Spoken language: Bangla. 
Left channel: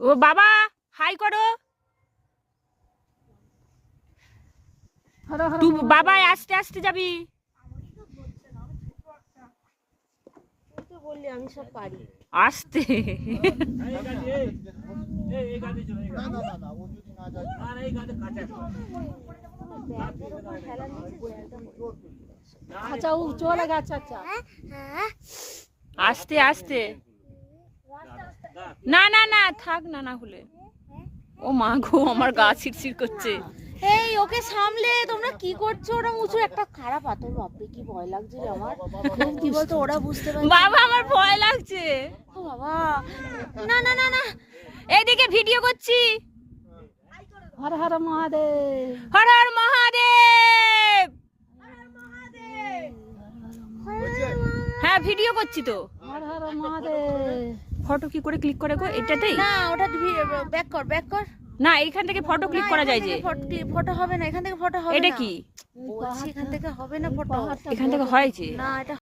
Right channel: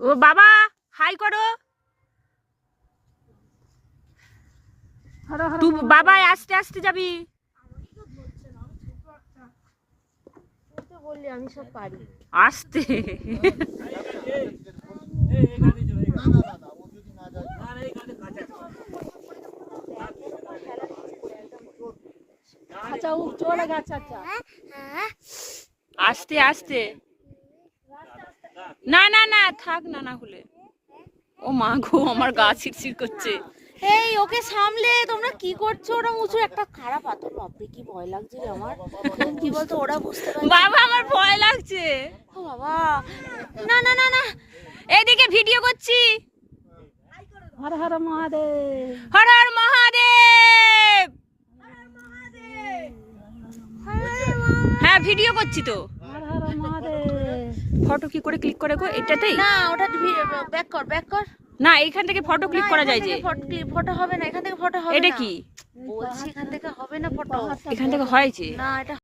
ও বাবা হাই করো। তুই বাবা আস্তে আস্তে যাবি। বললি আমি সব পারি আস্তে। আস্তে আস্তে না না না থাক না না হলে। ও মা গো আমার গা শিরশির করছে। এই ওকে সামলে তোমরা কি করছো? ওরা উঁচু একটা খারাপ পাথর, বাপরে কি ভয় লাগছে রে আমার। কি বলতো ওরা বুঝতে পারছে বাবা আমার ভয় লাগছে। ও বাবা না না না না এইদিকে ভিডিও করছি। হর হর মহাদেব, হর হর মহাদেব। হ্যাঁ ভিডিও করছি তো। হর হর মহাদেব। ফটো কি করে ক্লিক করে গো? এটাতেই না ওটা ব্যাক কর ব্যাক কর। না এইখান থেকে ফটো ক্লিক করা যায় যে। ফটো হবে না, এখান থেকে ফটো হবে না। এটা কি বলছি এখান থেকে হবে না ফটো। এখান থেকে হয়েছে না এটা